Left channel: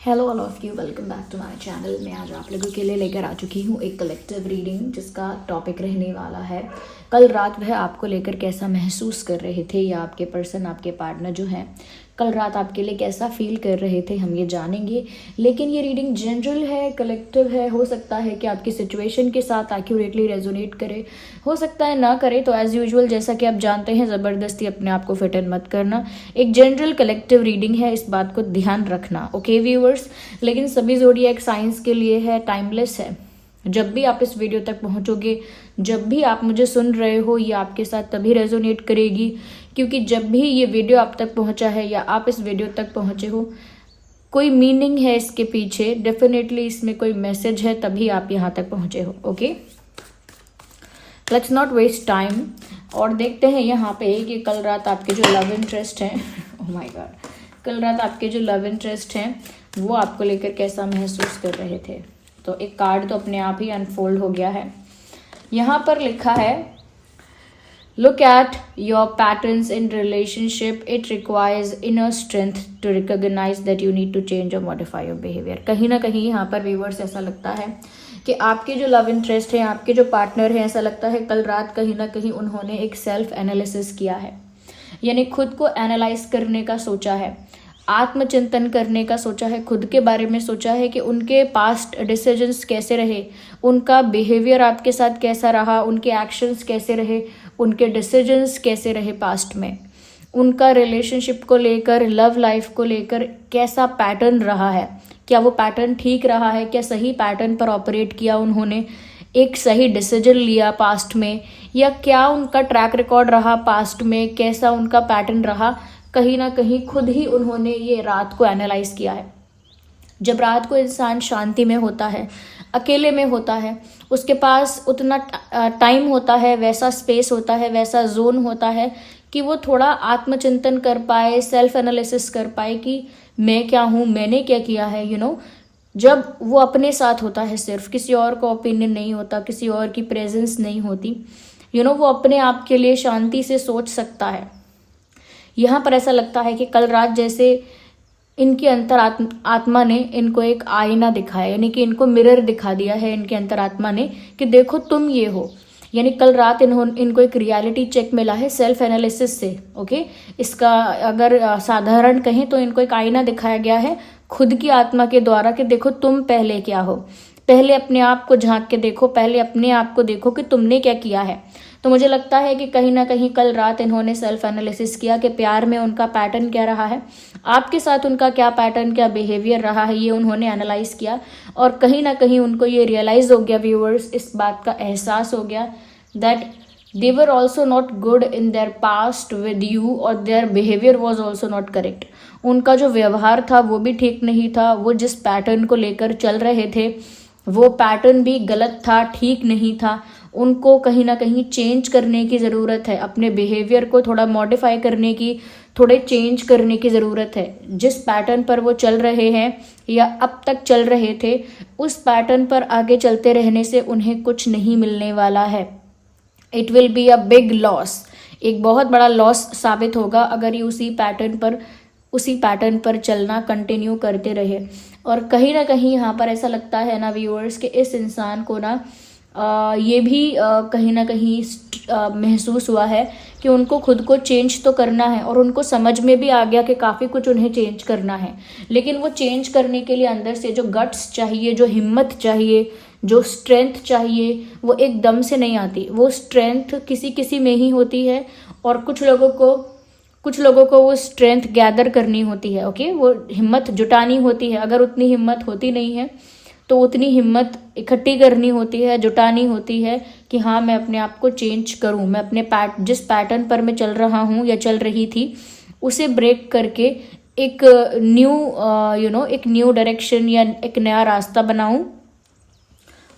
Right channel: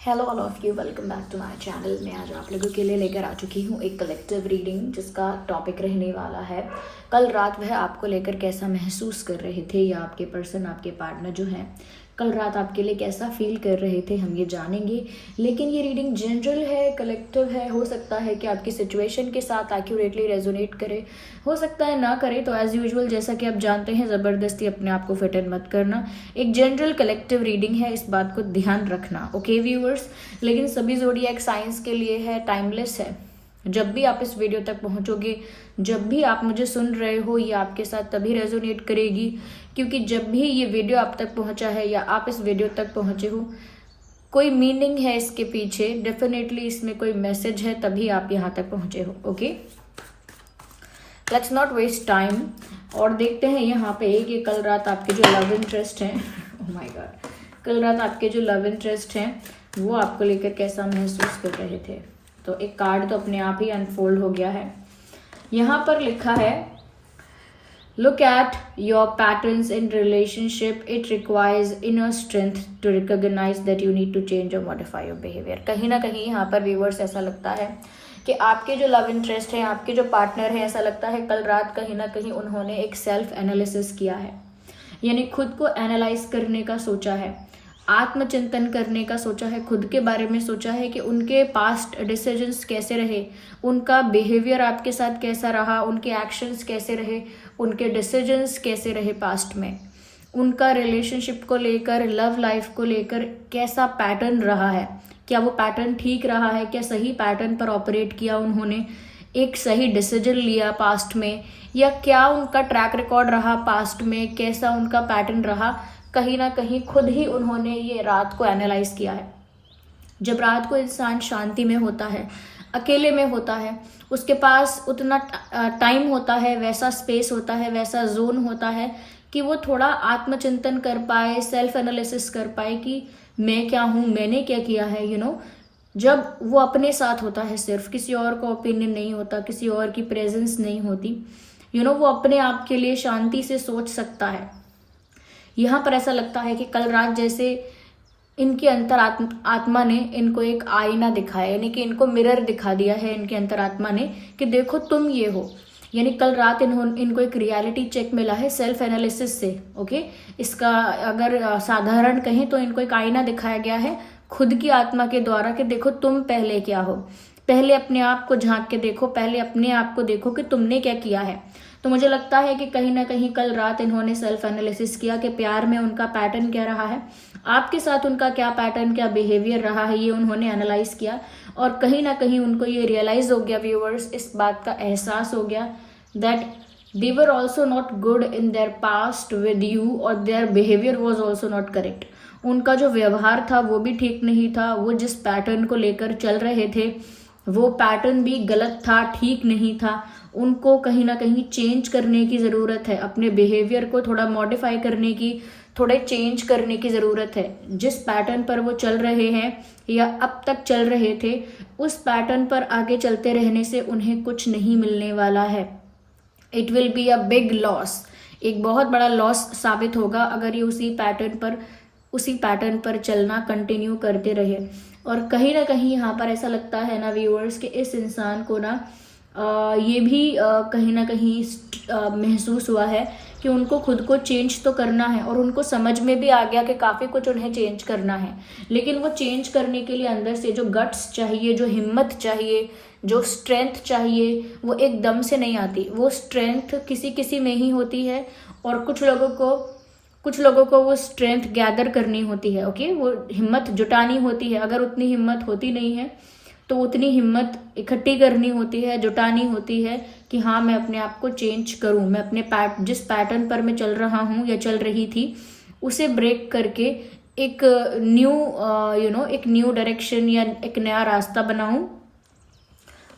Hello all of you, welcome back to my channel. मैं आज आप लोगों के लिए लेकर आ चुकी हूँ एक कलेक्टिव रीडिंग जिसका टॉपिक रहने वाला है कल रात वह आपको लेकर कैसा महसूस कर रहे थे, या आपके पर्सन, आपके पार्टनर जो है कल रात आपके लिए कैसा फील कर रहे थे, हम ये जानेंगे। लेकिन ये रीडिंग जनरल है, कलेक्टिव है। हो सकता है कि आपकी सिचुएशन के साथ एक्यूरेटली रेजोनेट करे, हो सकता है ना करे। तो एज यूजुअल, जैसा कि आप जानते हैं, ज़बरदस्ती अपने आप को फिट इन मत करना। एक जनरल कलेक्टिव रीडिंग है, इस बात को ध्यान रखना, ओके व्यूअर्स। लेकिन सभी ज़ोडिएक साइंस के लिए है, टाइमलेस है। जब भी आप इस वीडियो तक पहुंचोगे, जब भी आप मुझे सुन रहे हो, ये आपके साथ तभी रेजोनेट करेगी क्योंकि जब भी ये वीडियो आप तक पहुंचा है या आप इस वीडियो तक पहुंचे हो, कोई मीनिंग है इसके पीछे, डेफिनेटली इसमें कोई मैसेज है, तभी आप यहाँ तक पहुंचे हो। Okay, let's not waste time और देखते हैं यहाँ पे कि कल रात आपके जो लव इंटरेस्ट हैं ओह माय गॉड, कल रात आपके जो लव इंटरेस्ट हैं वो आपको लेकर कैसा महसूस कर रहे थे। तो एक कार्ड तो अपने आप ही अनफोल्ड हो गया है। यहाँ पर लिखा है, look at your patterns in relationship, it requires inner strength to recognise that you need to change और मॉडिफाई योर बिहेवियर। कहीं ना कहीं यहाँ पर व्यूअर्स ऐसा लगता है कि आपके जो लव इंटरेस्ट है, आपके जो पार्टनर है, ऐसा लगता है कल रात कहीं ना कहीं उन्होंने एक सेल्फ एनालिसिस किया है, यानी खुद को एनालाइज करने का सोचा है, आत्मचिंतन करने का सोचा है, खुद के बारे में सोचा है कि उनके पास्ट डिसीजंस कैसे रहे, उनका बिहेवियर आपके साथ कैसा रहा, उनके एक्शंस कैसे रहे, उनके डिसीजंस कैसे रहे पास्ट में, उनका रिलेशनशिप को लेकर, लव लाइफ को लेकर कैसा पैटर्न रहा है, क्या वो पैटर्न ठीक रहा है, क्या सही पैटर्न पर ऑपरेट किया उन्होंने, एक सही डिसीजन लिया पास्ट में, या क्या उनका ट्रैक रिकॉर्ड रहा पास्ट में, कैसा उनका पैटर्न रहा। कहीं ना कहीं खुद ही उन्होंने ये रात को एनालाइज किया है। जब रात को इंसान शांति में होता है, अकेले में होता है, उसके पास उतना टाइम होता है, वैसा स्पेस होता है, वैसा जोन होता है कि वो थोड़ा आत्मचिंतन कर पाए, सेल्फ एनालिसिस कर पाए कि मैं क्या हूँ, मैंने क्या किया है, जब वो अपने साथ होता है, सिर्फ किसी और का ओपिनियन नहीं होता, किसी और की प्रेजेंस नहीं होती, वो अपने आप के लिए शांति से सोच सकता है। यहाँ पर ऐसा लगता है कि कल रात जैसे इनके आत्मा ने इनको एक आईना दिखाया, यानी कि इनको मिरर दिखा दिया है इनके अंतरात्मा ने कि देखो तुम ये हो। यानी कल रात इनको एक रियलिटी चेक मिला है सेल्फ एनालिसिस से। ओके, इसका अगर साधारण कहें तो इनको एक आईना दिखाया गया है खुद की आत्मा के द्वारा कि देखो तुम पहले क्या हो, पहले अपने आप को झांक के देखो, पहले अपने आप को देखो कि तुमने क्या किया है। तो मुझे लगता है कि कहीं ना कहीं कल रात इन्होंने सेल्फ एनालिसिस किया कि प्यार में उनका पैटर्न क्या रहा है, आपके साथ उनका क्या पैटर्न, क्या बिहेवियर रहा है, ये उन्होंने एनालाइज किया। और कहीं ना कहीं उनको ये रियलाइज हो गया व्यूअर्स, इस बात का एहसास हो गया that they were also not good in their past with you और their behaviour was also not correct. उनका जो व्यवहार था वो भी ठीक नहीं था, वो जिस पैटर्न को लेकर चल रहे थे वो पैटर्न भी गलत था, ठीक नहीं था। उनको कहीं ना कहीं चेंज करने की ज़रूरत है, अपने बिहेवियर को थोड़ा मॉडिफाई करने की, थोड़े चेंज करने की ज़रूरत है। जिस पैटर्न पर वो चल रहे हैं या अब तक चल रहे थे, उस पैटर्न पर आगे चलते रहने से उन्हें कुछ नहीं मिलने वाला है। It will be a big loss, एक बहुत बड़ा लॉस साबित होगा अगर ये उसी पैटर्न पर चलना कंटिन्यू करते रहे। और कहीं ना कहीं यहाँ पर ऐसा लगता है ना व्यूअर्स कि इस इंसान को ना ये भी कहीं ना कहीं महसूस हुआ है कि उनको खुद को चेंज तो करना है, और उनको समझ में भी आ गया कि काफ़ी कुछ उन्हें चेंज करना है। लेकिन वो चेंज करने के लिए अंदर से जो गट्स चाहिए, जो हिम्मत चाहिए, जो स्ट्रेंथ चाहिए, वो एकदम से नहीं आती। वो स्ट्रेंथ किसी किसी में ही होती है, और कुछ लोगों को वो स्ट्रेंथ गैदर करनी होती है। ओके, वो हिम्मत जुटानी होती है। अगर उतनी हिम्मत होती नहीं है तो उतनी हिम्मत इकट्ठी करनी होती है, जुटानी होती है कि हाँ, मैं अपने आप को चेंज करूँ, मैं अपने जिस पैटर्न पर मैं चल रहा हूँ या चल रही थी उसे ब्रेक करके एक न्यू डायरेक्शन या एक नया रास्ता बनाऊँ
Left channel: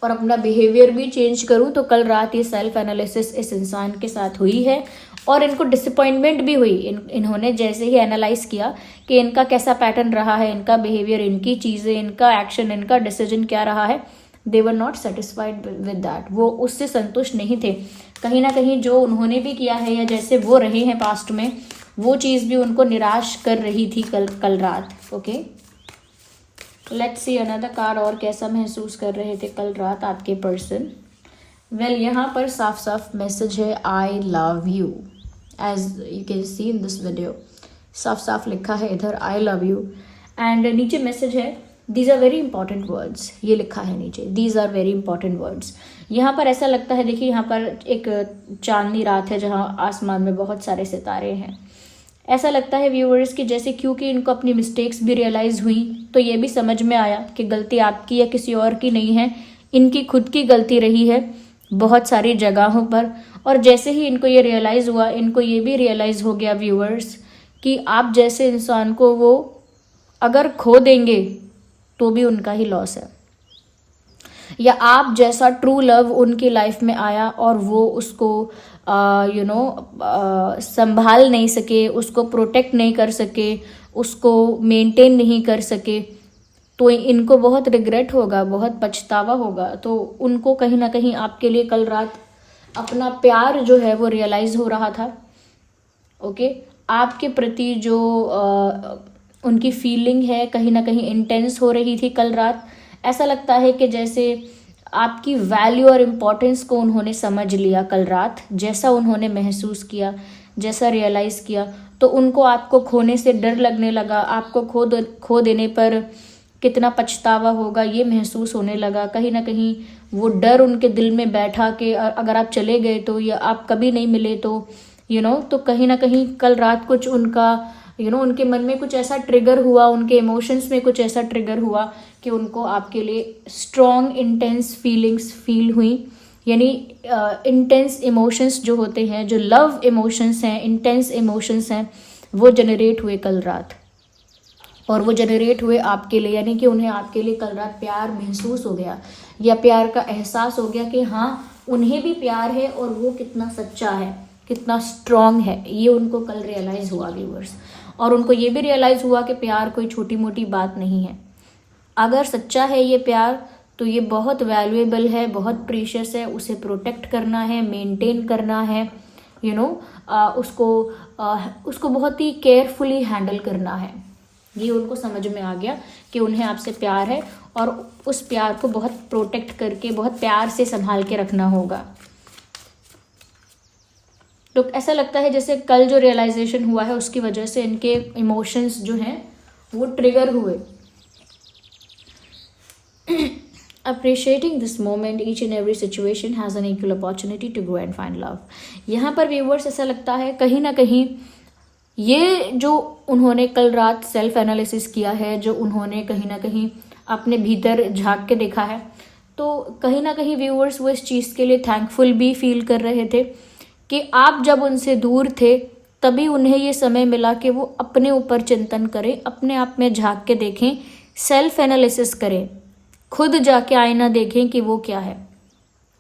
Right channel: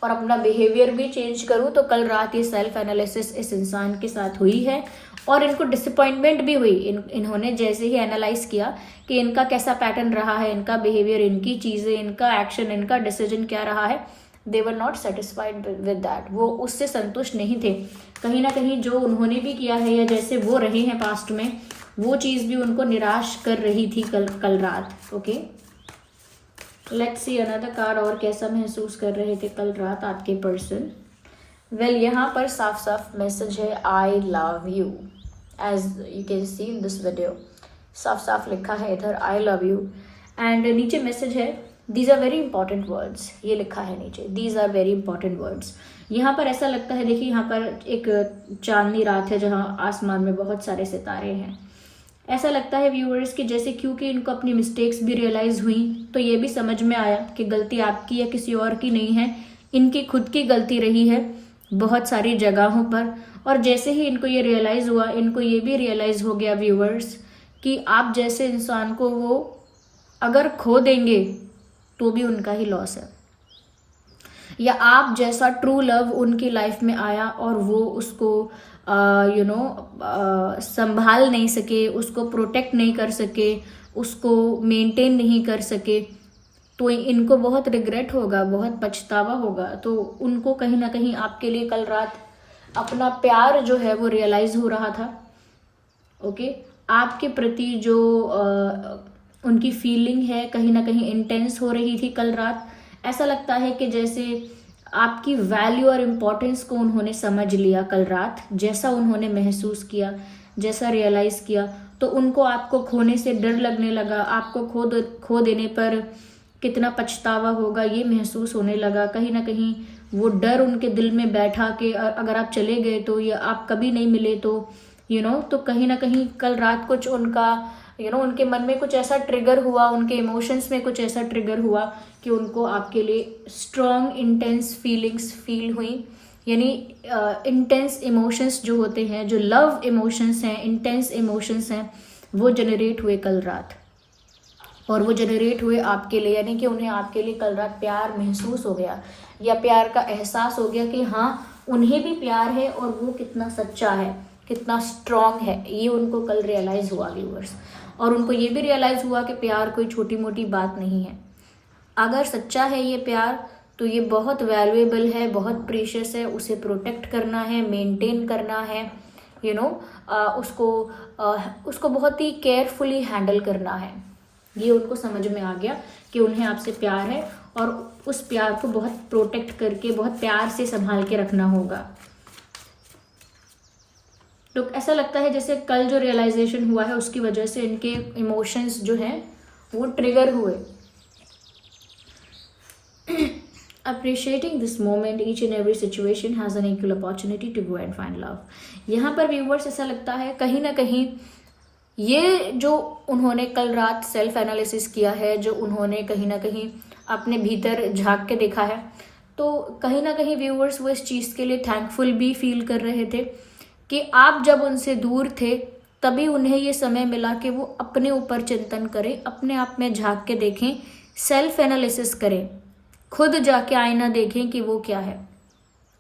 और अपना बिहेवियर भी चेंज करूँ। तो कल रात ये सेल्फ एनालिसिस इस इंसान के साथ हुई है और इनको डिसअपॉइंटमेंट भी हुई। इन्होंने जैसे ही एनालाइज किया कि इनका कैसा पैटर्न रहा है, इनका बिहेवियर, इनकी चीज़ें, इनका एक्शन, इनका डिसीजन क्या रहा है, they were not satisfied with that. वो उससे संतुष्ट नहीं थे। कहीं ना कहीं जो उन्होंने भी किया है या जैसे वो रहे हैं पास्ट में, वो चीज़ भी उनको निराश कर रही थी कल रात। Okay, let's see another card, और कैसा महसूस कर रहे थे कल रात आपके पर्सन। वेल यहाँ पर साफ साफ मैसेज है, I love you, as you can see in this video. साफ साफ लिखा है इधर आई लव यू, एंड नीचे मैसेज है, these are very important words. ये लिखा है नीचे, these are very important words. यहाँ पर ऐसा लगता है, देखिए यहाँ पर एक चांदनी रात है जहाँ आसमान में बहुत सारे सितारे हैं। ऐसा लगता है व्यूअर्स कि जैसे क्योंकि इनको अपनी मिस्टेक्स भी रियलाइज हुई, तो ये भी समझ में आया कि गलती आपकी या किसी और की नहीं है, इनकी खुद की गलती रही है बहुत सारी जगहों पर। और जैसे ही इनको ये रियलाइज हुआ, इनको ये भी रियलाइज हो गया व्यूअर्स कि आप जैसे इंसान को वो अगर खो देंगे तो भी उनका ही लॉस है, या आप जैसा ट्रू लव उनकी लाइफ में आया और वो उसको संभाल नहीं सके, उसको प्रोटेक्ट नहीं कर सके, उसको मेंटेन नहीं कर सके, तो इनको बहुत रिग्रेट होगा, बहुत पछतावा होगा। तो उनको कहीं ना कहीं आपके लिए कल रात अपना प्यार जो है वो रियलाइज हो रहा था। ओके, आपके प्रति जो उनकी फीलिंग है कहीं ना कहीं इंटेंस हो रही थी कल रात। ऐसा लगता है कि जैसे आपकी वैल्यू और इम्पोर्टेंस को उन्होंने समझ लिया कल रात, जैसा उन्होंने महसूस किया, जैसा रियलाइज़ किया, तो उनको आपको खोने से डर लगने लगा। आपको खो देने पर कितना पछतावा होगा ये महसूस होने लगा। कहीं ना कहीं वो डर उनके दिल में बैठा कि अगर आप चले गए तो, या आप कभी नहीं मिले तो तो कहीं ना कहीं कल रात कुछ उनका उनके मन में कुछ ऐसा ट्रिगर हुआ, उनके इमोशंस में कुछ ऐसा ट्रिगर हुआ कि उनको आपके लिए स्ट्रॉन्ग इंटेंस फीलिंग्स फील हुई। यानी इंटेंस इमोशंस जो होते हैं, जो लव इमोशंस हैं, इंटेंस इमोशंस हैं, वो जनरेट हुए कल रात। और वो जनरेट हुए आपके लिए, यानी कि उन्हें आपके लिए कल रात प्यार महसूस हो गया, या प्यार का एहसास हो गया कि हाँ उन्हें भी प्यार है और वो कितना सच्चा है, कितना स्ट्रॉन्ग है। ये उनको कल रियलाइज हुआ व्यूअर्स। और उनको ये भी रियलाइज हुआ कि प्यार कोई छोटी मोटी बात नहीं है। अगर सच्चा है ये प्यार तो ये बहुत वैल्यूएबल है, बहुत प्रीशियस है, उसे प्रोटेक्ट करना है, मेंटेन करना है, उसको बहुत ही केयरफुली हैंडल करना है। ये उनको समझ में आ गया कि उन्हें आपसे प्यार है और उस प्यार को बहुत प्रोटेक्ट करके, बहुत प्यार से संभाल के रखना होगा। तो ऐसा लगता है जैसे कल जो रियलाइजेशन हुआ है उसकी वजह से इनके इमोशंस जो हैं वो ट्रिगर हुए। Appreciating this moment, each and every situation has an equal opportunity to grow and find love. यहाँ पर व्यूवर्स ऐसा लगता है कहीं ना कहीं ये जो उन्होंने कल रात सेल्फ एनालिसिस किया है, जो उन्होंने कहीं ना कहीं अपने भीतर झांक के देखा है, तो कहीं ना कहीं व्यूवर्स वो इस चीज़ के लिए थैंकफुल भी फील कर रहे थे कि आप जब उनसे दूर थे तभी उन्हें ये समय मिला कि वो अपने ऊपर चिंतन करें, अपने आप में झांक के देखें, सेल्फ एनालिसिस करें, खुद जाके आईना देखें कि वो क्या है,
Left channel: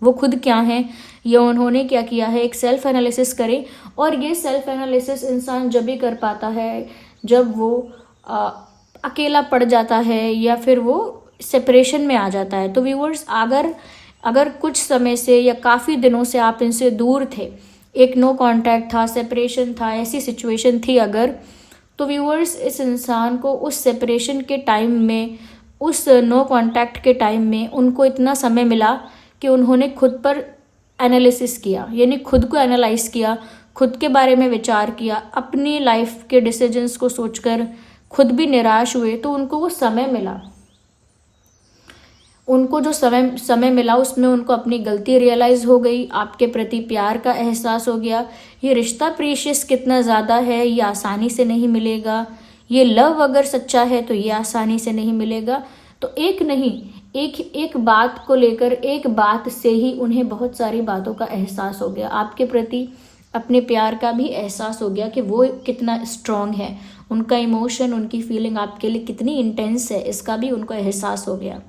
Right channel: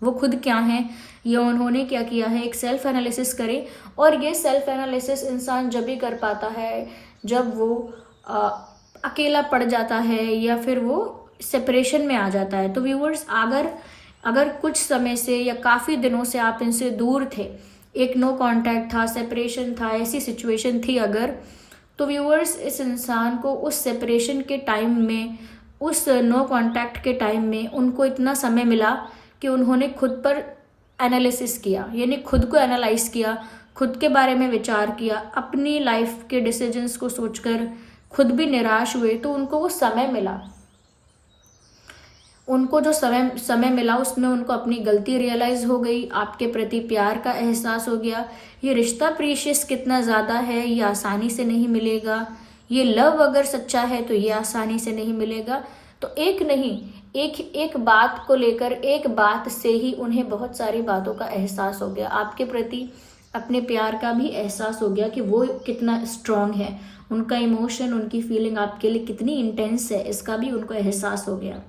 वो खुद क्या है, या उन्होंने क्या किया है, एक सेल्फ एनालिसिस करें। और ये सेल्फ एनालिसिस इंसान जब भी कर पाता है जब वो अकेला पड़ जाता है या फिर वो सेपरेशन में आ जाता है। तो व्यूअर्स अगर कुछ समय से या काफ़ी दिनों से आप इनसे दूर थे, एक नो कांटेक्ट था, सेपरेशन था, ऐसी सिचुएशन थी अगर, तो व्यूअर्स इस इंसान को उस सेपरेशन के टाइम में, उस नो कांटेक्ट के टाइम में उनको इतना समय मिला कि उन्होंने खुद पर एनालिसिस किया, यानी खुद को एनालाइज किया, खुद के बारे में विचार किया, अपनी लाइफ के डिसीजंस को सोचकर खुद भी निराश हुए। तो उनको वो समय मिला, उनको जो समय मिला उसमें उनको अपनी गलती रियलाइज हो गई, आपके प्रति प्यार का एहसास हो गया। ये रिश्ता प्रीशियस कितना ज़्यादा है ये आसानी से नहीं मिलेगा, ये लव अगर सच्चा है तो ये आसानी से नहीं मिलेगा। तो एक बात को लेकर, एक बात से ही उन्हें बहुत सारी बातों का एहसास हो गया, आपके प्रति अपने प्यार का भी एहसास हो गया कि वो कितना स्ट्रॉन्ग है, उनका इमोशन, उनकी फीलिंग आपके लिए कितनी इंटेंस है, इसका भी उनको एहसास हो गया।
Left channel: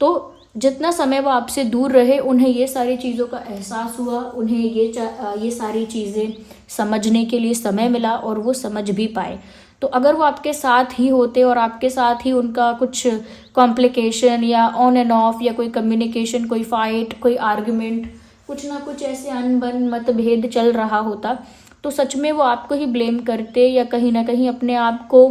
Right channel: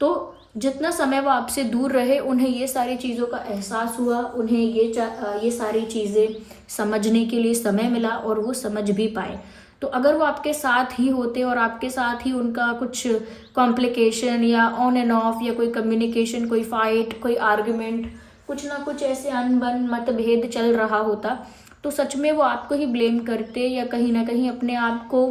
तो जितना समय वो आपसे दूर रहे उन्हें ये सारी चीज़ों का एहसास हुआ, उन्हें ये सारी चीज़ें समझने के लिए समय मिला और वो समझ भी पाए। तो अगर वो आपके साथ ही होते और आपके साथ ही उनका कुछ कॉम्प्लिकेशन या ऑन एंड ऑफ या कोई कम्युनिकेशन, कोई फाइट, कोई आर्ग्यूमेंट, कुछ ना कुछ ऐसे अनबन मतभेद चल रहा होता, तो सच में वो आपको ही ब्लेम करते या कहीं ना कहीं अपने आप को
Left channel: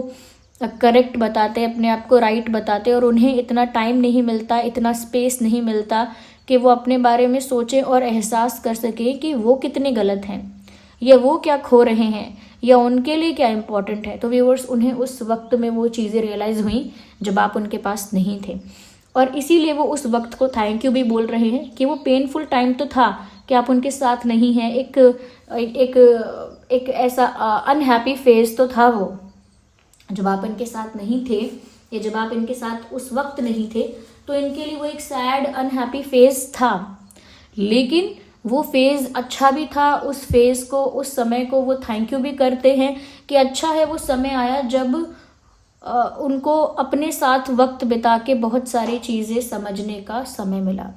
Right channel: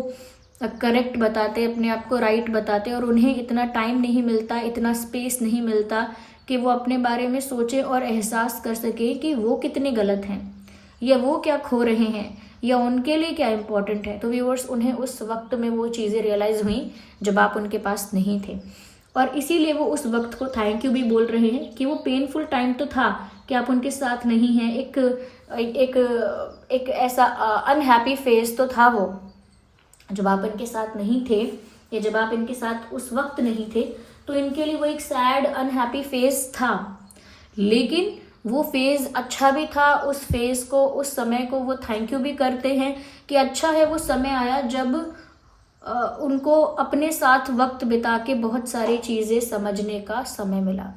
करेक्ट बताते हैं, अपने आप को राइट बताते हैं, और उन्हें इतना टाइम नहीं मिलता, इतना स्पेस नहीं मिलता कि वो अपने बारे में सोचें और एहसास कर सकें कि वो कितने गलत हैं, या वो क्या खो रहे हैं, या उनके लिए क्या इम्पोर्टेंट है। तो व्यूअर्स, उन्हें उस वक्त में वो चीज़ें रियलाइज़ हुई जब आप उनके पास नहीं थे, और इसीलिए वो उस वक्त को थैंक यू भी बोल रहे हैं कि वो पेनफुल टाइम तो था कि आप उनके साथ नहीं हैं, एक ऐसा अनहैप्पी फेज तो था वो, जब आप इनके साथ नहीं थे, या जब आप इनके साथ उस वक्त नहीं थे, तो इनके लिए वो एक सैड अनहैप्पी फेज था। लेकिन वो फेज अच्छा भी था, उस फेज को, उस समय को वो थैंक यू भी करते हैं कि अच्छा है वो समय आया जब उनको अपने साथ वक्त बिता के बहुत सारी चीज़ें समझने का समय मिला।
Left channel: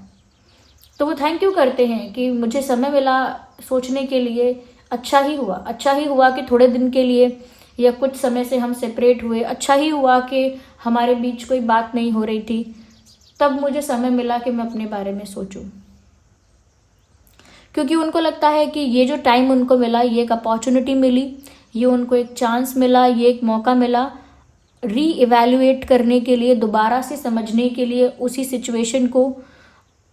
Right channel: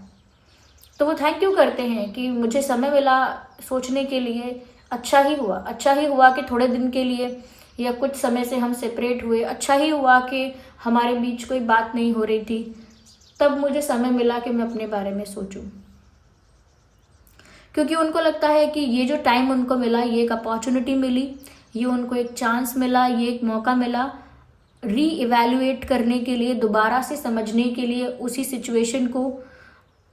तो वो थैंक यू करते हैं कि मुझे समय मिला सोचने के लिए, अच्छा ही हुआ कि थोड़े दिन के लिए या कुछ समय से हम सेपरेट हुए, अच्छा ही हुआ कि हमारे बीच कोई बात नहीं हो रही थी, तब मुझे समय मिला कि मैं अपने बारे में सोचूं। क्योंकि उनको लगता है कि ये जो टाइम उनको मिला, ये एक अपॉर्चुनिटी मिली, ये उनको एक चांस मिला, ये एक मौका मिला री इवैल्यूएट करने के लिए, दोबारा से समझने के लिए, उसी सिचुएशन को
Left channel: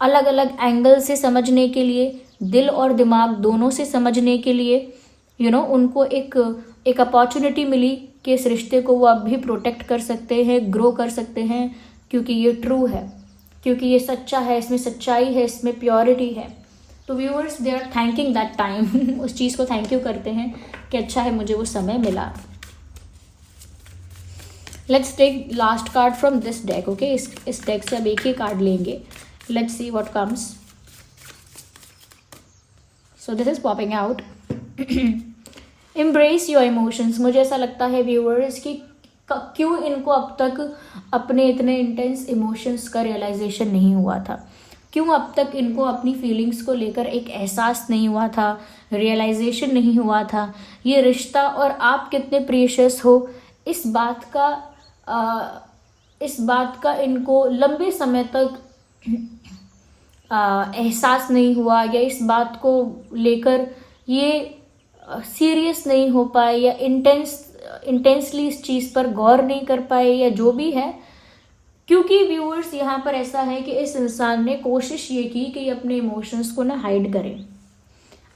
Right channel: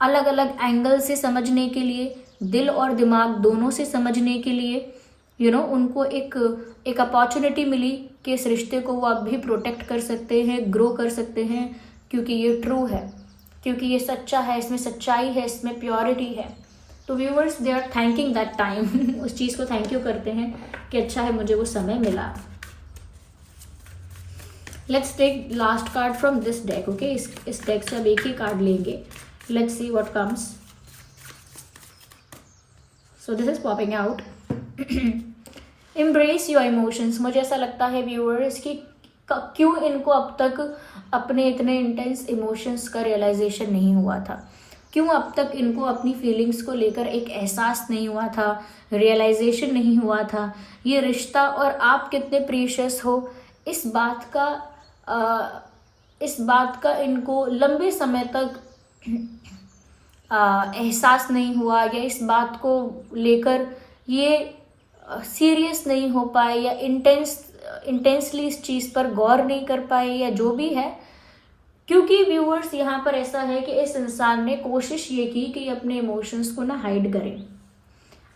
अलग अलग एंगल से समझने के लिए, दिल और दिमाग दोनों से समझने के लिए, उनको एक अपॉर्चुनिटी मिली कि इस रिश्ते को वो अब भी प्रोटेक्ट कर सकते हैं, ग्रो कर सकते हैं, क्योंकि ये ट्रू है, क्योंकि ये सच्चा है, इसमें सच्चाई है, इसमें प्योरिटी है। तो viewers, they are thanking that time उस चीज़ को थैंक यू करते हैं कि अच्छा है मुझे वो समय मिला। Let's take last card from this deck. Okay, इस डेक से अब एक ही कार्ड लेंगे। Let's see what comes. So this is popping out. Embrace your emotions. मुझे ऐसा लगता है व्यूअर्स कि क्यों इनको अब तक अपने इतने इंटेंस इमोशंस का रियलाइजेशन नहीं हुआ था, क्यों अब तक इनको अपनी फीलिंग्स को लेकर एक एहसास नहीं हुआ था, रियलाइजेशन नहीं हुआ था। ये रिश्ता और आप कितने प्रीशियस हो, इस बात का इनको लंबे समय तक एहसास नहीं हुआ, या इस बात को लेकर ये सीरियस नहीं हो पाए, या इंटेंसली इस चीज़ पर गौर नहीं कर पाए, या जो भी है। क्योंकि व्यूअर्स, यहाँ पर ऐसा है कि इस इंसान ने कोशिश ये की कि अपने इमोशंस को ना हाइड करें,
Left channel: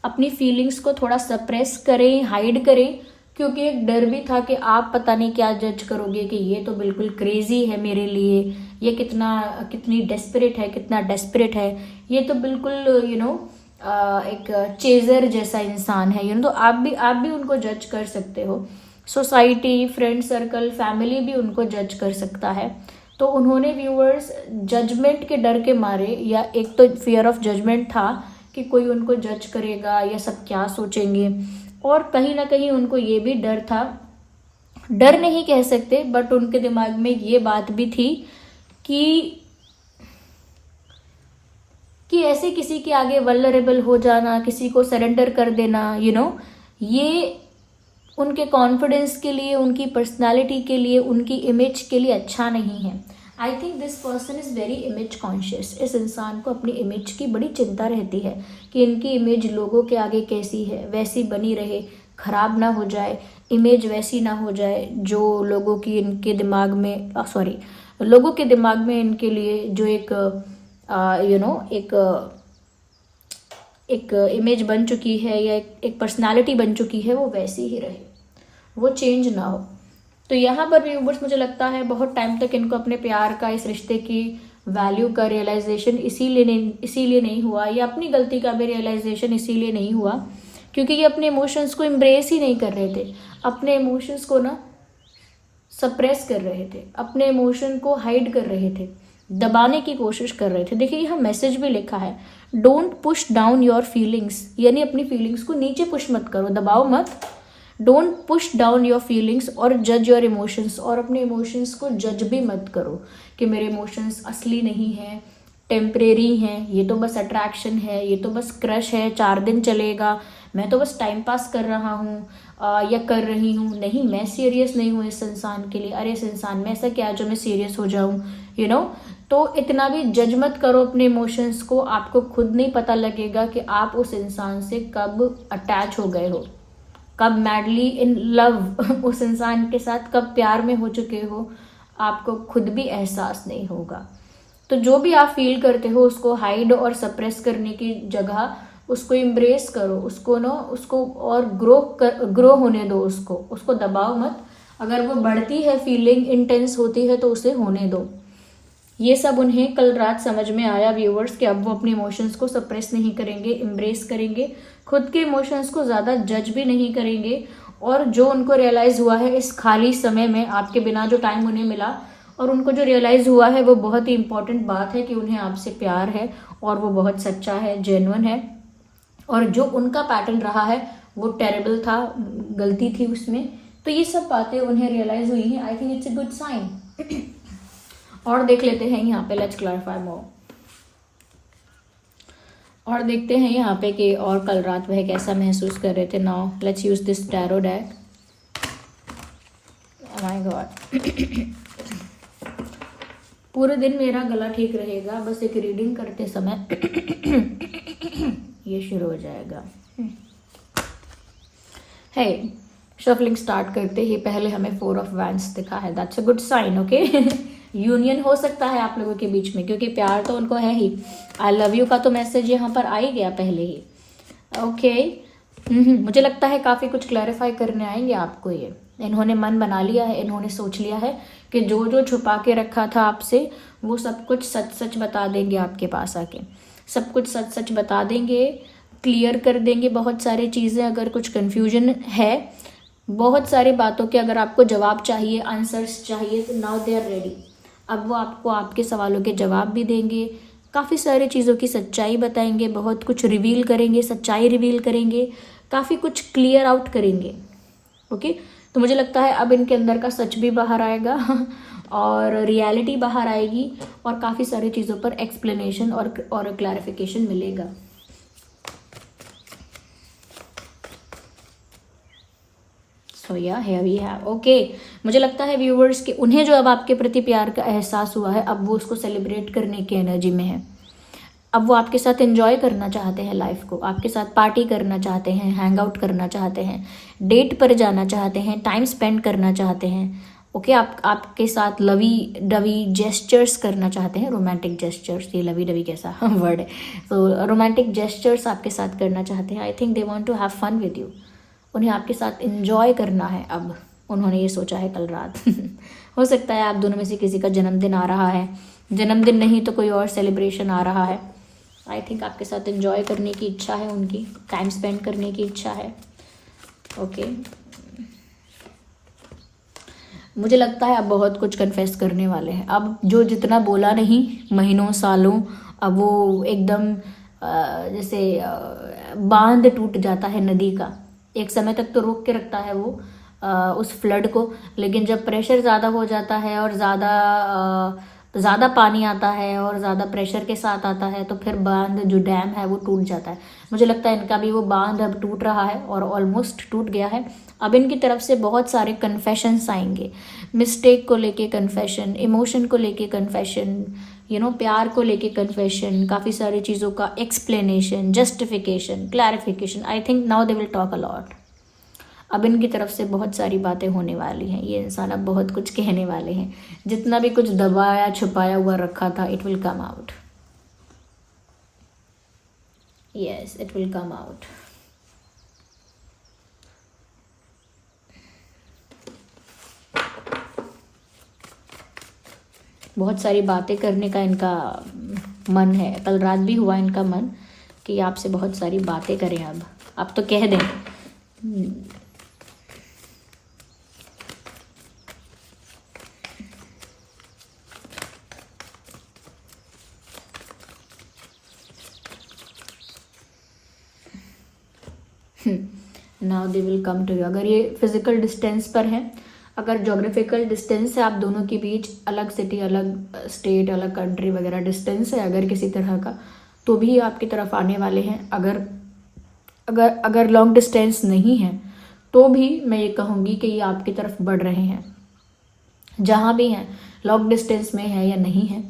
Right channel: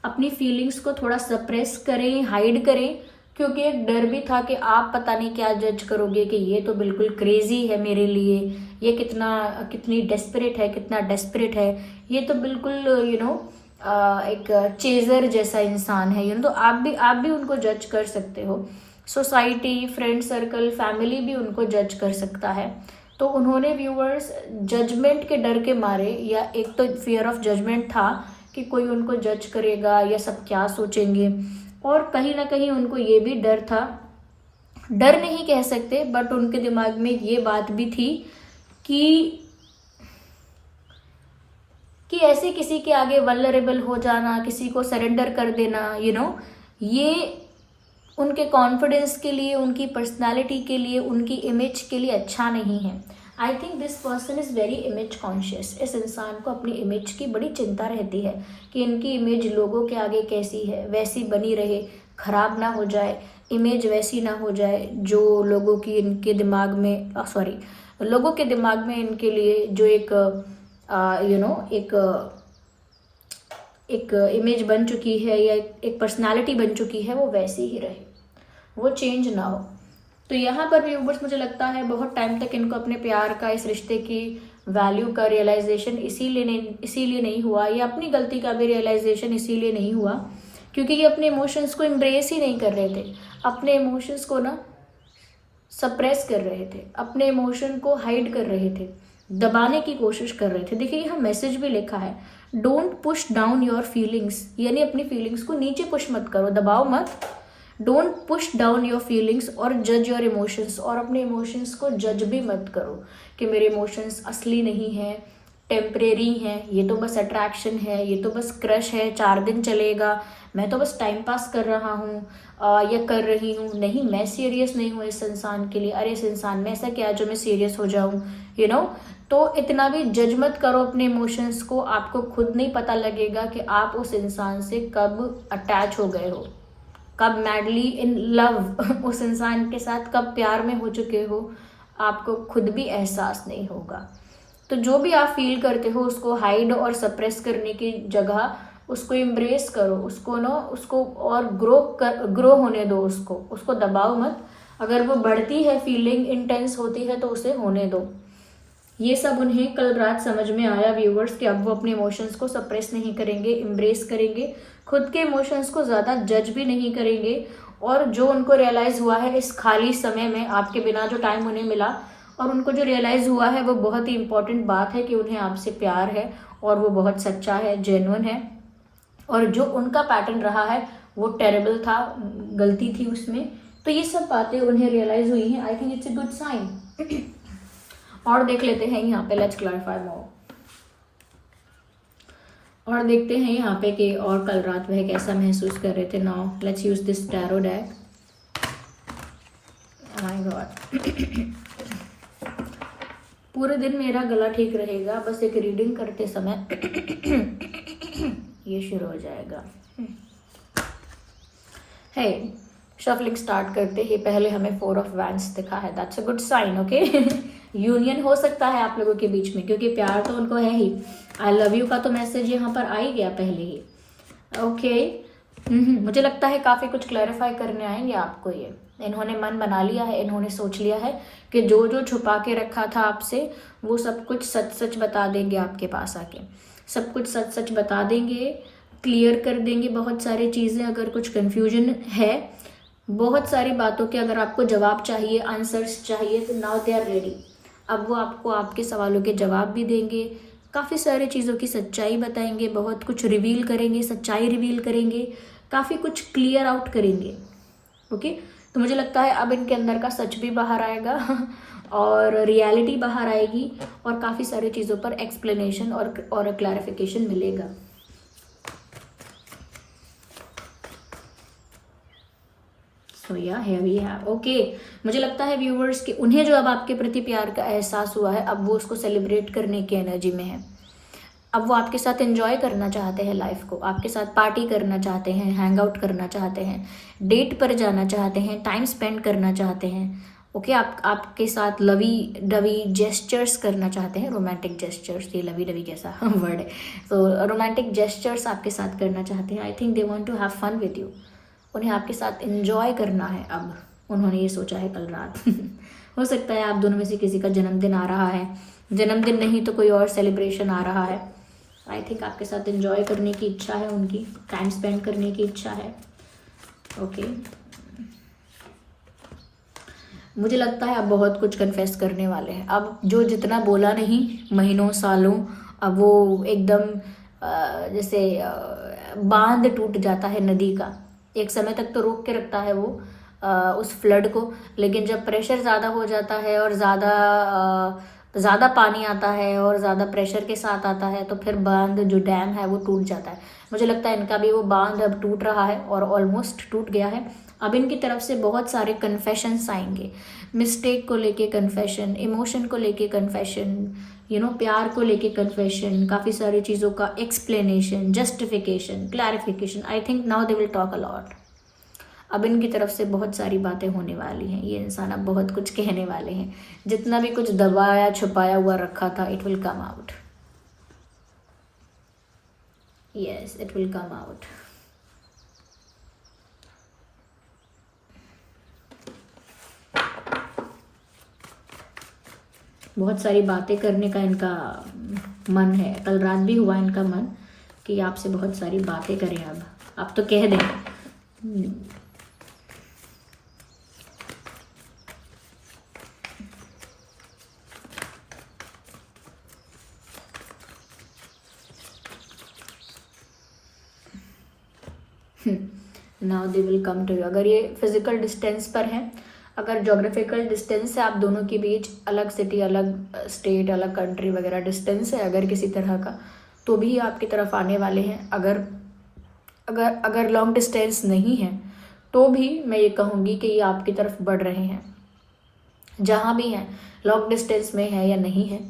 अपनी फीलिंग्स को थोड़ा सप्रेस करें, हाइड करें, क्योंकि एक डर भी था कि आप पता नहीं क्या जज करोगे कि ये तो बिल्कुल क्रेजी है मेरे लिए, ये कितनी डेस्परेट है, कितना डेस्परेट है, ये तो बिल्कुल एक चेजर जैसा इंसान है। तो आप भी उनको जज कर सकते हो, सोसाइटी, फ्रेंड सर्कल, फैमिली भी उनको जज कर सकता है। तो उन्होंने व्यूअर्स जजमेंट के डर के मारे, या एक तो फियर ऑफ जजमेंट था कि कोई उनको जज करेगा या सब क्या सोचेंगे, और कहीं ना कहीं उनको ये भी डर था, डर नहीं कह सकते, बट उनके दिमाग में ये बात भी थी कि ऐसे किसी के आगे वल्नरेबल हो जाना, किसी को सरेंडर कर देना, ये उनके कॉन्फिडेंस के लिए, उनकी पर्सनालिटी के लिए, उनकी इमेज के लिए अच्छा नहीं है। I think this person is very image conscious. इस इंसान को अपनी इमेज की बड़ी चिंता रहती है कि इनकी इमेज लोगों के आगे कैसी है, वैसी बनी रहे, खराब ना हो जाए, इमेज वैसी ना हो जाए जो लोगों के दिमाग में इनके लिए जो एक इमेज बन चुकी है, या एक पर्सनालिटी बन चुकी है, वो वैसी ही रहे, वो चेंज ना हो। तो यहाँ पर भी व्यूअर्स, मुझे लगता है बहुत टाइम तक इनको अपने प्यार का, इस रिश्ते की वैल्यू का रियलाइजेशन इसीलिए नहीं हुआ, या अपनी गलती का भी रियलाइजेशन इसीलिए नहीं हुआ क्योंकि ये अपने इमोशंस को एम्ब्रेस ही नहीं कर रहे थे, अपने इमोशंस को ना सप्रेस कर रहे थे, अपने इमोशन को हाइड कर रहे थे, दबाने की कोशिश कर रहे थे। देखिए यहाँ मैसेज भी लिखा है, don't push down your feelings, यानी अपनी फीलिंग्स को नीचे पुश मत करो, दबाओ मत। Don't push down your feelings और जज योर इमोशंस, और अपने इमोशंस को जज भी मत करो कि मेरे इमोशंस असली नहीं है, टेम्परेरी हैं, ये तो बस अट्रैक्शन है, ये तो बस क्रश है, 4 दिन चलेगा, मैं तो बस टाइम पास कर रहा हूँ या कर रही हूँ, नहीं मैं सीरियस नहीं हूँ इस इंसान के लिए, अरे इस इंसान में ऐसा क्या जो मैं सीरियस हो जाऊँ, तो इतना भी जज मत करो अपने इमोशंस को। आपको खुद नहीं पता लगेगा कि आप उस इंसान से कब अटैच हो गए हो, कब मैडली इन लव उस इंसान के साथ कब प्यार में हो चुके हो, आपको खुद भी एहसास नहीं होगा। तो जो भी आप फील करते हो उसको हाइड और सप्रेस करने की जगह उसको इम्ब्रेस करो, उसको और ग्रो होने दो, उसको दबाओ मत। अगर वो बढ़ती है, फीलिंग इंटेंस होती है, तो उसे होने दो। ये सब उन्हें कल रात समझ में आया व्यूवर्स कि अब वो अपने इमोशंस को सप्रेस नहीं करेंगे, इम्ब्रेस करेंगे, खुद के इमोशंस को ज़्यादा जज भी नहीं करेंगे। और जो उनको रियलाइज़ हुआ है इस खाली समय में, आपके बिना जो टाइम उन्हें मिला, और उनको जो रियलाइज़ हुआ है वो बहुत ही इंपॉर्टेंट बात है कि उन्हें आपसे प्यार है और वो बहुत सच्चा है, जेन्युइन है। और जो उनका पैटर्न रहा है वो टेरेबल था, गलती थी उसमें। तो ये सब बातें उन्हें रियलाइज़ हुई हैं। I think it's a good sign. और देख लेते हैं यहाँ पे, लेट्स क्लैरिफाई मोर। और देखते हैं यहाँ पे कि और कल रात वह कैसा महसूस कर रहे थे। Now let's use this tarot deck. My God. पूरे दिन मेरा गला ठीक रहेगा, बस एक रीडिंग करते समय ये शुरू हो जाएगा। है शफलिंग स्टार्ट करते ही पहले हमें 4 ऑफ वैंड्स दिखा है, that's a good sign. Okay, union हो सकता है आप लोगों के बीच में, क्योंकि प्यार तो उनको है ही। आई लव यू का तो मैसेज यहाँ पर आ ही गया पहले ही। ओके, मुझे लगता है काफ़ी कुछ क्लैरिफाई करने आएंगे आपको ये। इन्होंने मन बना लिया है, इन्होंने सोच लिया है कि जो जो छुपा के रखा था आपसे वो सब कुछ सच सच बता देंगे आपके पास आके, सब कुछ सच सच बता देंगे, क्लियर कर देंगे बहुत सारी चीज़ें। अगर कुछ कन्फ्यूजन है, बहुत सारी बातों के अगर आपको जवाब चाहिए, आंसर्स चाहिए, तो नाउ दे आर रेडी। अब वो आपको आपके सवालों के जवाब भी देंगे, काफ़ी सारी चीज़ों की सच्चाई बताएंगे, बहुत कुछ रिवील करेंगे, सच्चाई रिवील करेंगे, काफ़ी कुछ क्लियर आउट करेंगे। ओके, तो मुझे लगता है अब इनके अंदर का सच भी बाहर आएगा और रियलिटी बाहर आएगी और काफ़ी सारी चीज़ों पर एक्सप्लेनेशन और क्लैरिफिकेशन मिलेगा। सो या है वी है। ओके, मुझे लगता है व्यूवर्स कि उन्हें जो अब आपके प्रति प्यार का एहसास हुआ है, अब वो उसको सेलिब्रेट करने की एनर्जी में है। अब वो आपके साथ एंजॉय करना चाहते हैं लाइफ को, आपके साथ पार्टी करना चाहते हैं, हैंग आउट करना चाहते हैं, डेट पर जाना चाहते हैं, टाइम स्पेंड करना चाहते हैं। ओके, आपके साथ लवी डवी जेस्चर्स करना चाहते हैं, रोमांटिक जेस्चर्स। ये लवी डवी कैसा वर्ड है, तो रोमांटिक जेस्चर्स आपके साथ करना चाहते हैं। I think they want to have fun with you. उन्हें आपके साथ एंजॉय करना है, अब उन्होंने ये सोचा है कल रात। हो सकता है आप दोनों में से किसी का जन्मदिन आ रहा है, जन्मदिन नहीं तो कोई और सेलिब्रेशन आ रहा है। आई थिंक आपके साथ एंजॉय करने की इच्छा है उनकी, टाइम स्पेंड करने की इच्छा है। ओके, मुझे लगता है अब बहुत कुछ कन्फेस करने वाले हैं। अब जो जितना बोला नहीं महीनों सालों, अब वो एकदम जैसे बांध टूट जाता है नदी का। एक समय तक तो रोक के रखता है वो उस फ्लड को, लेकिन जब प्रेशर ज़्यादा हो जाता है और ज़्यादा पानी आता है और ज़्यादा प्रेशर के साथ आता है, तो फिर बांध जो डैम है वो टूट जाता है। मुझे लगता है इनका भी वो बांध अब टूट रहा है और ऑलमोस्ट टूट गया है। अब इनकी तरफ से बहुत सारे कन्फेशंस आएंगे, मिस्टेक को लेके कन्फेशन, इमोशन को लेके कन्फेशन, प्यार को लेके कन्फेशन, काफ़ी सारी चीज़ों का explanation, justification, clarification. I think now they will talk a lot. अब इनकी तरफ से बहुत सारी बातें होने वाली हैं, ये इंसान अब बहुत कुछ कहने वाले हैं। जितना भी कुछ दबाया छुपाया हुआ रखा था, it will come out. Yes, it will come out. बहुत सारी बातें करने का इनका मन है, कल रात भी हुआ इनका मन कि आपसे बहुत सारी बातें करें। अब तो कह दें। Now they will come to you. अगर ये फिजिकल डिस्टेंस पर हैं, अगर जोग्राफिकल डिस्टेंस है आप दोनों के बीच, अलग सिटी, अलग स्टेट, अलग कंट्री वगैरह डिस्टेंस है अगर किसी तरह का, तो भी आपकी तरफ आने वाले हैं। अगर लॉन्ग डिस्टेंस नहीं है तो भी मैं ये कहूँगी कि ये आपकी तरफ बढ़ रहे हैं। जहाँ भी हैं, लॉन्ग डिस्टेंस में है या नहीं है,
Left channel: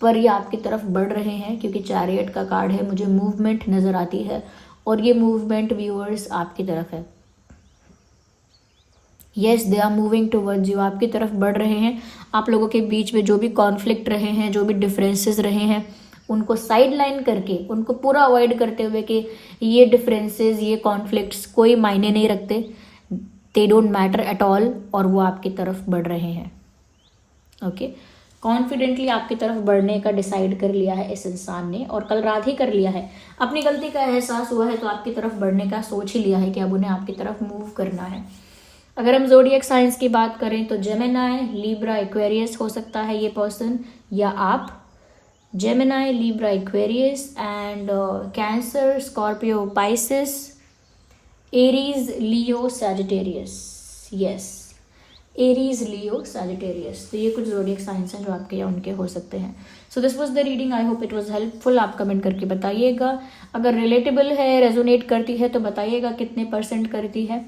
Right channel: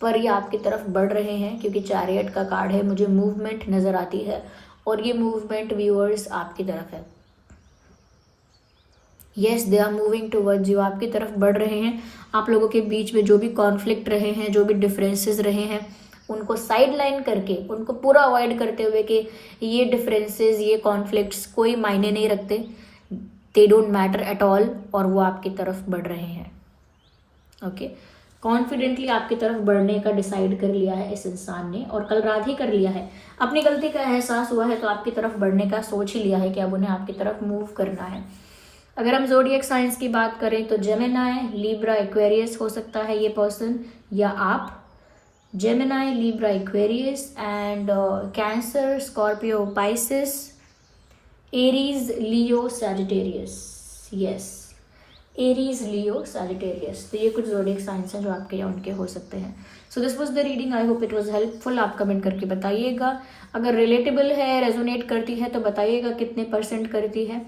पर ये आपकी तरफ बढ़ रहे हैं, क्योंकि चैरियट का कार्ड है, मुझे मूवमेंट नज़र आती है और ये मूवमेंट व्यूअर्स आपकी तरफ है। Yes, they are moving towards you, आपकी तरफ बढ़ रहे हैं। आप लोगों के बीच में जो भी कॉन्फ्लिक्ट रहे हैं, जो भी डिफरेंसेस रहे हैं, उनको साइड लाइन करके, उनको पूरा अवॉइड करते हुए कि ये डिफरेंसेस, ये कॉन्फ्लिक्ट्स कोई मायने नहीं रखते, they don't matter at all, और वो आपकी तरफ बढ़ रहे हैं। ओके, कॉन्फिडेंटली आपकी तरफ बढ़ने का डिसाइड कर लिया है इस इंसान ने, और कल रात ही कर लिया है। अपनी गलती का एहसास हुआ है तो आपकी तरफ बढ़ने का सोच ही लिया है कि अब उन्हें आपकी तरफ मूव करना है। अगर हम ज़ोडिएक साइंस की बात करें तो जेमिनाई, लिब्रा, एक्वेरियस हो सकता है ये पर्सन, या आप। Gemini, Libra, Aquarius and cancer, Scorpio, Pisces, Aries, Leo, Sagittarius. Yes, Aries, Leo, Sagittarius. तो ये कुछ ज़ोडिएक साइंस हैं जो आपके या उनके हो सकते हैं। So this was the reading, I hope it was helpful. आप कमेंट करके बताइएगा, अगर रिलेटेबल है, रेजोनेट करती है तो बताइएगा कितने % करती है।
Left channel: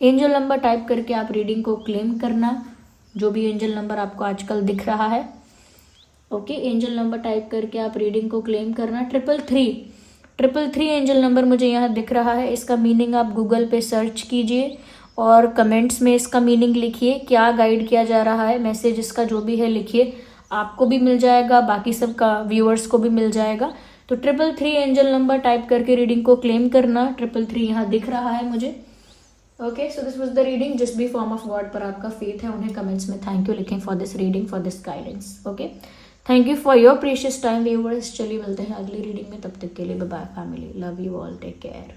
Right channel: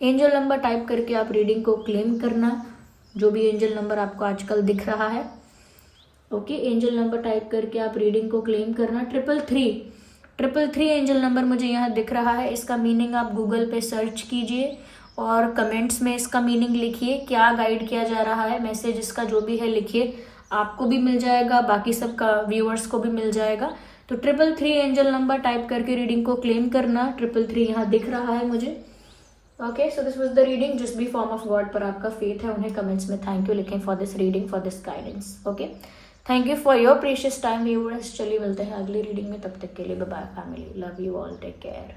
एंजल नंबर टाइप करके आप रीडिंग को क्लेम करना, जो भी एंजल नंबर आपको आजकल दिख रहा है। ओके, एंजल नंबर टाइप करके आप रीडिंग को क्लेम करना। 333 एंजल नंबर मुझे यहाँ दिख रहा है। इसका मीनिंग आप गूगल पे सर्च कीजिए और कमेंट्स में इसका मीनिंग लिखिए, क्या गाइड किया जा रहा है, मैसेज इसका जो भी है लिखिए, आपको भी मिल जाएगा, बाकी सबका व्यूअर्स को भी मिल जाएगा। तो 333 एंजल नंबर टाइप करके रीडिंग को क्लेम करना। 333 यहाँ दिख रहा है मुझे। Okay, so this was the reading. जिस भी फॉर्म ऑफ वर्ड पर आपका फेथ है उन्हें कमेंट्स में थैंक यू लिखें for this reading, for this guidance. Okay, thank you for your precious time viewers. चलिए मिलते हैं अगली रीडिंग में, तब तक के लिए bye bye family, love you all, take care.